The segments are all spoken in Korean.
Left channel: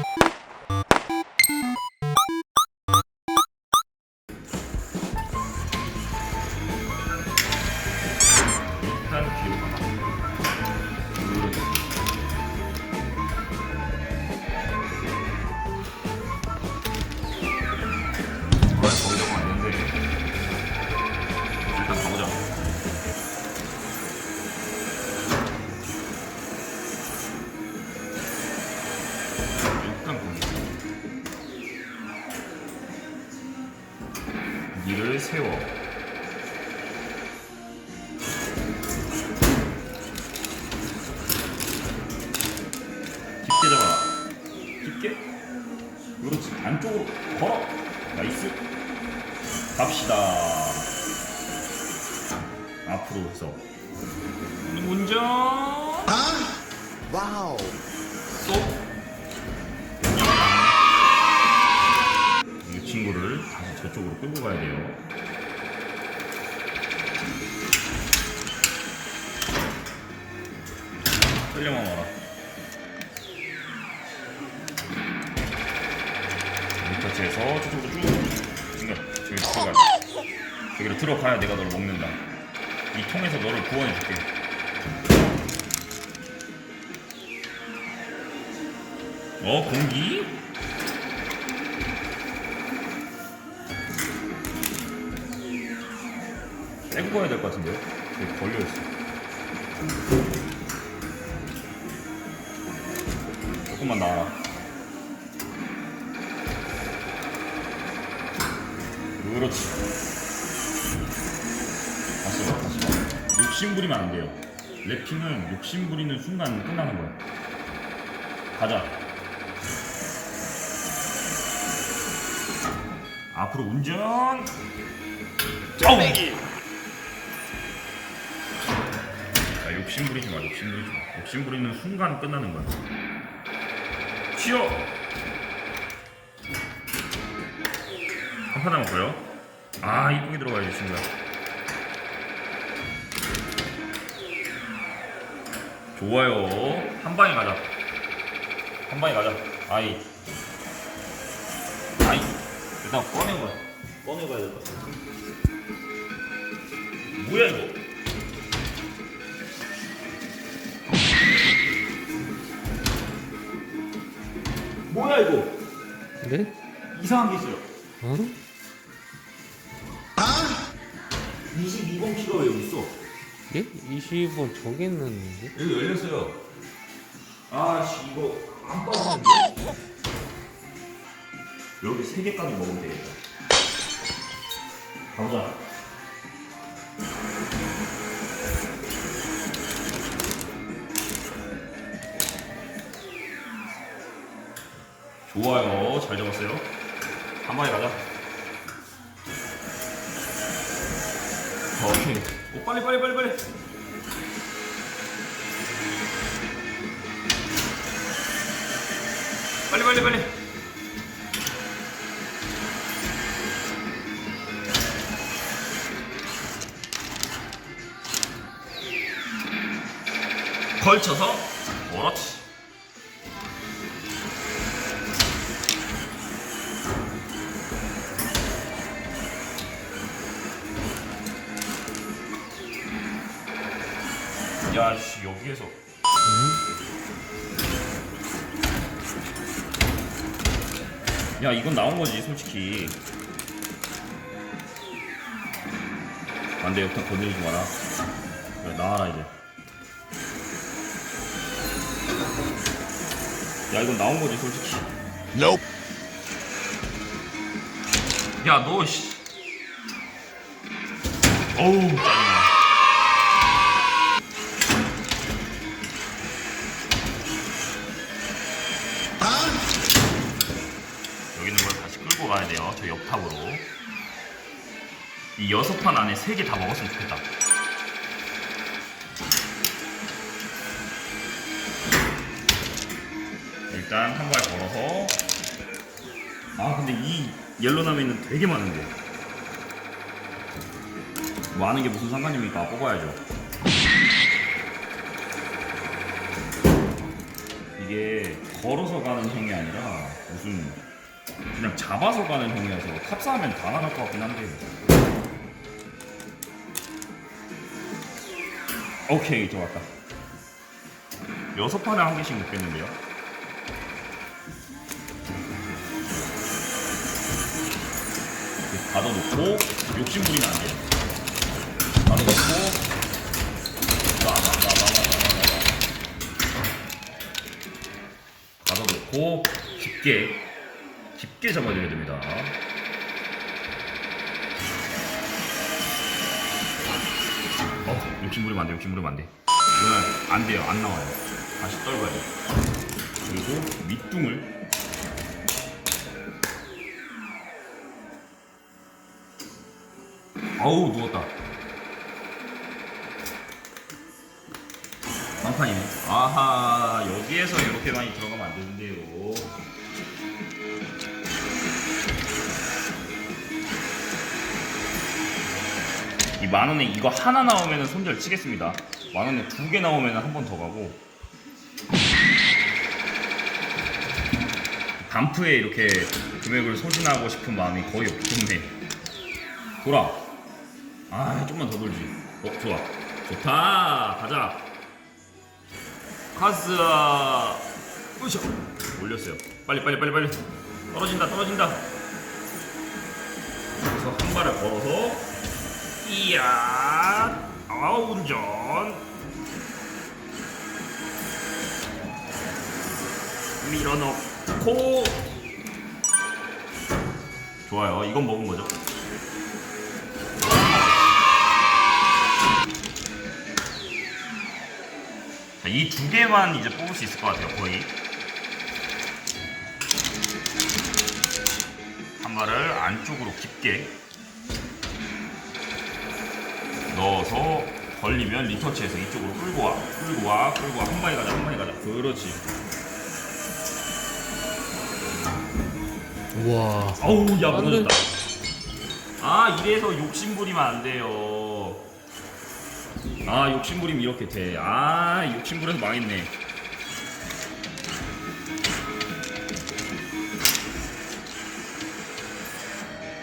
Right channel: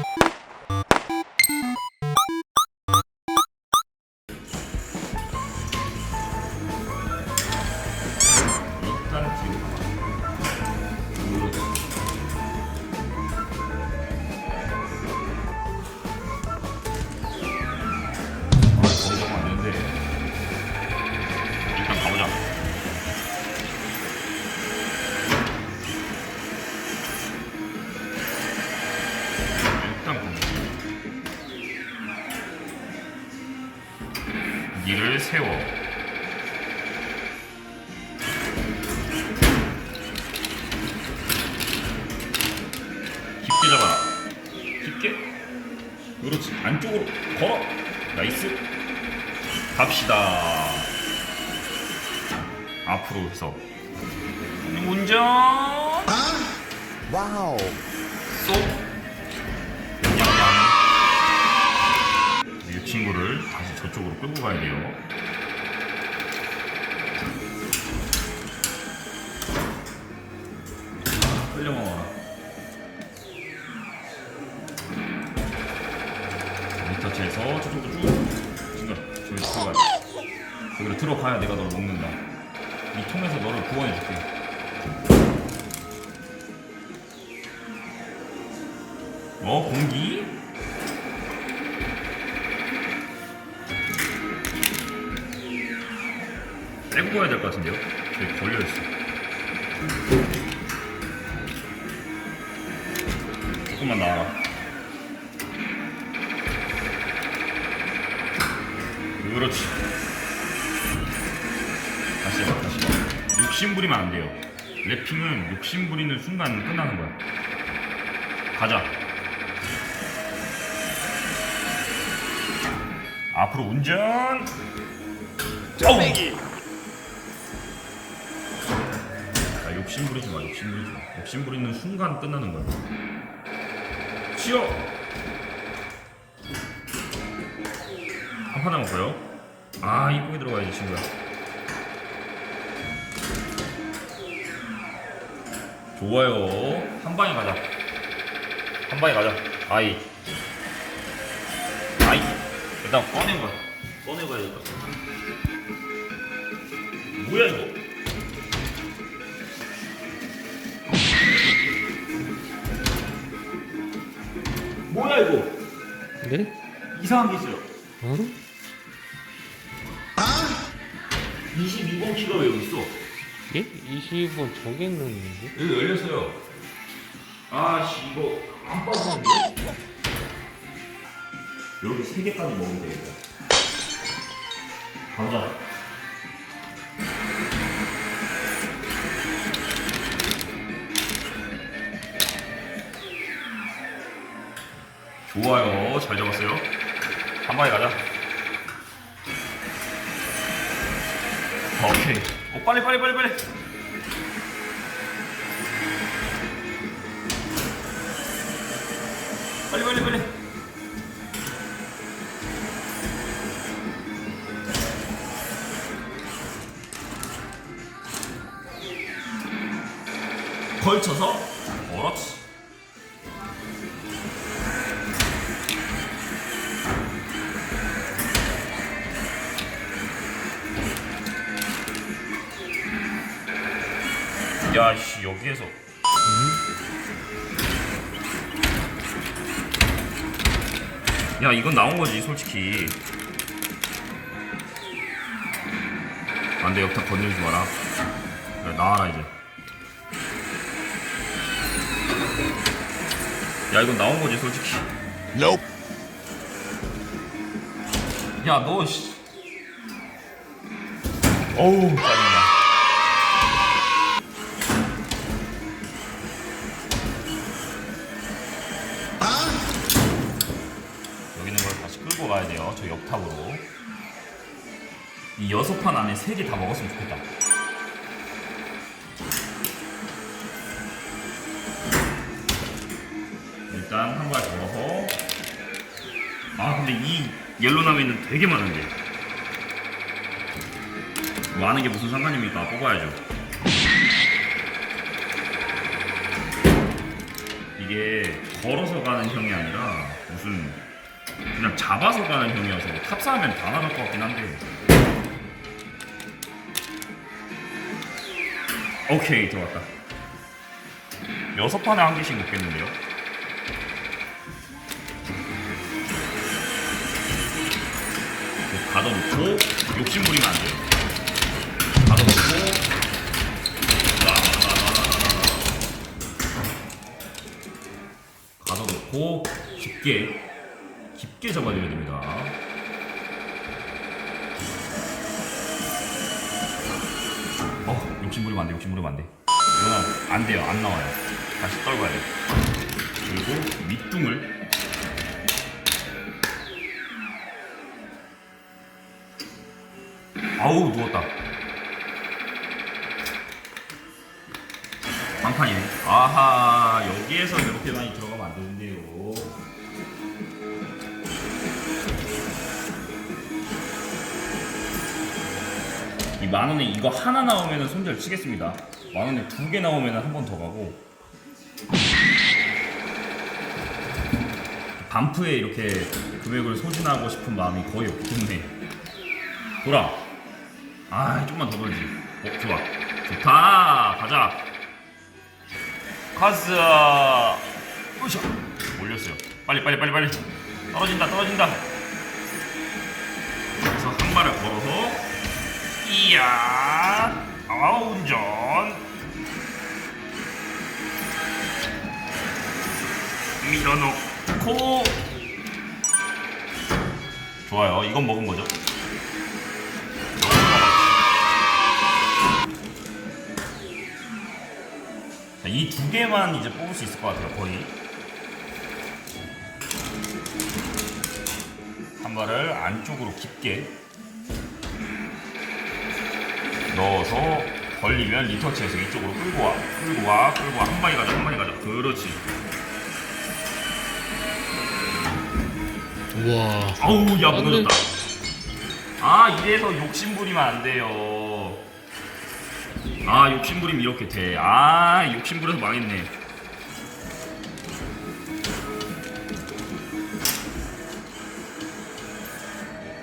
you 안쪽으로 걸어. 나이스. 갑시다. 앞으로 해서. 운전. 와우. 쏙. 양양. 이 친구를 다시 저쪽으로 끌고 가야 돼요. 끌려만 와 라. 리터치해서 저쪽으로 쭉. 지금 저기 들어가. 저기로 들어가야 내가 너를 먹는다. 이 통에서 너를 구원해줄게. 어 공기? 빼고 가야 될 것 같은데요? 저기 걸려있어 조금만 나와라 욕심 부리면 안 돼요 랩핑은 욕심 부리는 순간 끝나는 거야 가자 앞으로 운전. 쩌매기. 야, 욕심 부리지 마, 욕심 부리지 마. 욕심 부리는 순간 끝나는 거야. 쉬어. 한판 남았고요. 아, 이쁘게 들어가야지, 친구야. 좋아요. 한 방에 가자. 한 방에 가자. 아이. 아이. 일단 꺼내봐. 꺼내봐야 될 것 같아. 뭐야, 이거? 뭐야, 이거? 네? 이상한 게 있어요. 어? 22번 키가 왜 여기 있어? 예? 20원 저기 있는데? 여기 열렸어요. 아씨 이거 안 빠지는데? 여기 세 개까지 먹으면 되겠다. 가자. 좋아요. 잘 잡았어요. 한 방에 가자. 오케이. 오, 빨리 빨리 빨리 빨리. 빨리 빨리 빨리. 야씨 여기에서. 야 이건 나온 거지 솔직히. 안돼 옆에 건들지 마라. 야, 나와라 이제. 야 이건 나온 거지 솔직히. Nope. 야너 씨. 어우 짜증 탑으로 이 여섯 판 안에 세 개 다 먹었으면 좋겠다. 일단 한 발 걸어서. 아 근데 이 옐로나미는 되게 많은데 많은 게 무슨 상관입니까? 뽑아야죠. 이게 걸어서 가는 형이 아니라 무슨 그냥 잡아서 가는 형이어서 탑사하면 다 나갈 것 같긴 한데. 오케이 들어왔다. 여섯 판에 한 개씩 넣겠는데요? 가둬놓고 욕심 부리면 안 돼요. 가둬놓고. 가둬놓고 깊게 깊게 잡아줘야 됩니다. 어 욕심 부리면 안 돼. 욕심 부리면 안 돼. 이거는 안 돼요. 안 나와요. 다시 떨궈야 돼. 그리고 밑둥을 아우 누웠다. 방판이네. 아하 여기에서 이렇게 많이 들어가면 안 되는데요. 만 원에 이거 하나 나오면 손절 치겠습니다. 만 원에 두 개 나오면 한 번 더 가고. 반프에 이렇게 금액을 소진하고 싶은 마음이 거의 없기 때문에 돌아. 아, 좀만 더 돌지. 어, 좋아. 좋다. 가자. 가스. 으쌰. 올렸어요. 빨리, 빨리, 빨리, 빨리. 떨어진다, 떨어진다. 그래서 한 발을 걸어서 이야. 아, 운전. 밀어넣고. 좋아요. 이건 먹은 거죠. 이 두 개만 이제 뽑을 수 있을 것 같아요, 거의. 한 발을 안쪽으로 깊게 넣어서 벌리면 리터치해서 이쪽으로 끌고 와, 끌고 와, 끌고 와. 한 방에 가자, 한 방에 가자. 그렇지. 우와. 아우, 야, 안 돼. 무너졌다. 아, 이래서 욕심 부리면 안 돼요. 아, 욕심 부리면 이렇게 돼. 아, 욕심 부려서 망했네.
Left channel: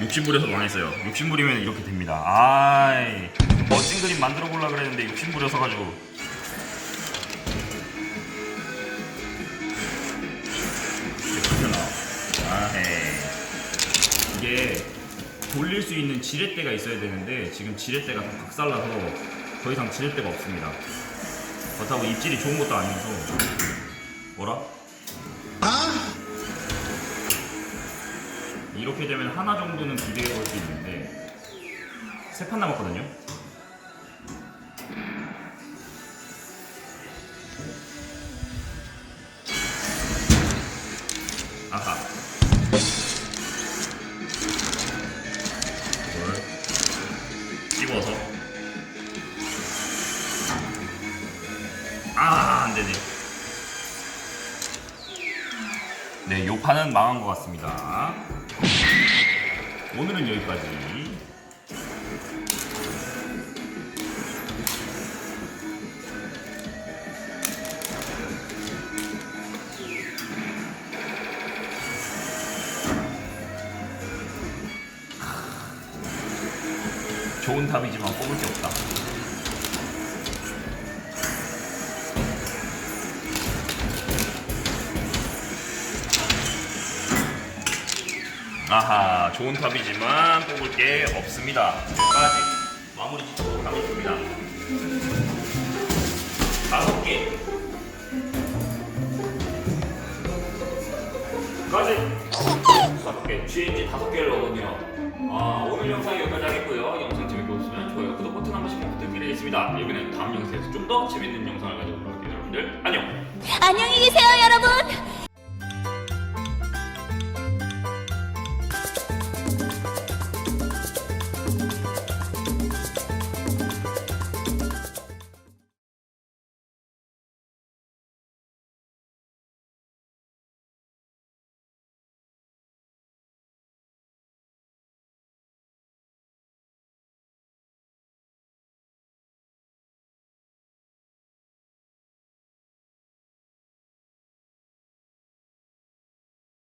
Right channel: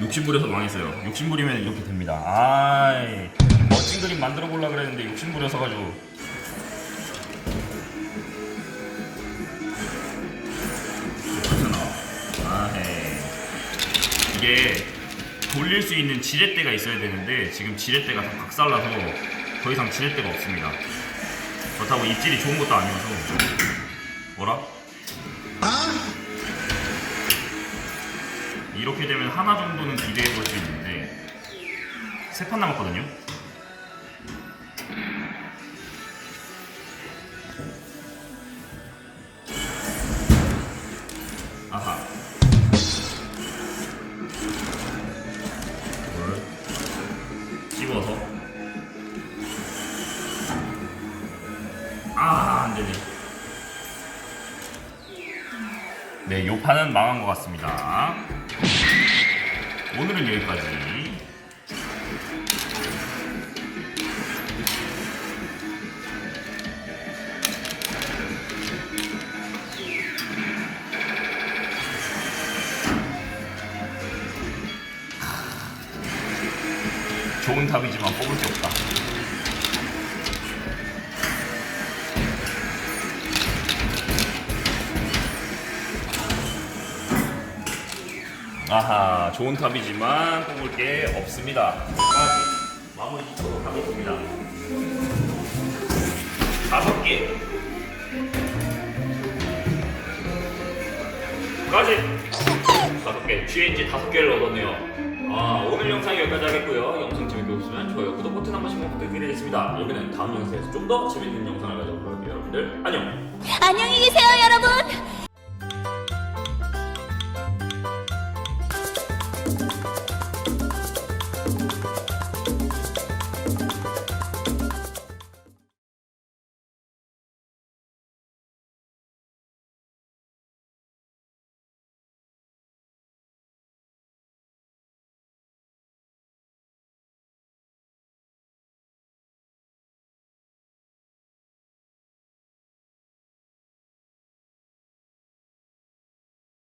욕심 부려서 망했어요. 욕심 부리면 이렇게 됩니다. 아이, 멋진 그림 만들어 보려 그랬는데 욕심 부려서 가지고. 이렇게 나와. 아헤. 이게 돌릴 수 있는 지렛대가 있어야 되는데 지금 지렛대가 다 박살나서 더 이상 지렛대가 없습니다. 그렇다고 입질이 좋은 것도 아니어서 뭐라? 이렇게 되면 하나 정도는 기대해 볼 수 있는데 세 판 남았거든요. 되네 네, 요 판은 망한 것 같습니다. 오늘은 여기까지. 좋은 답이지만 뽑을 게 없다. 아하, 좋은 탑이지만 뽑을 게 없습니다. 여기까지 마무리 짓고 가면 됩니다. 다섯 개. 까지 다섯 개. GNG 다섯 개를 얻었네요. 아, 오늘 영상 여기까지 하겠고요. 영상 재밌게 보시면 좋아요, 구독 버튼 한 번씩 부탁드리겠습니다. 여기는 다음 영상에서 좀 더 재밌는 영상을 가져오도록 할게요. 여러분들 안녕. 안녕히 계세요,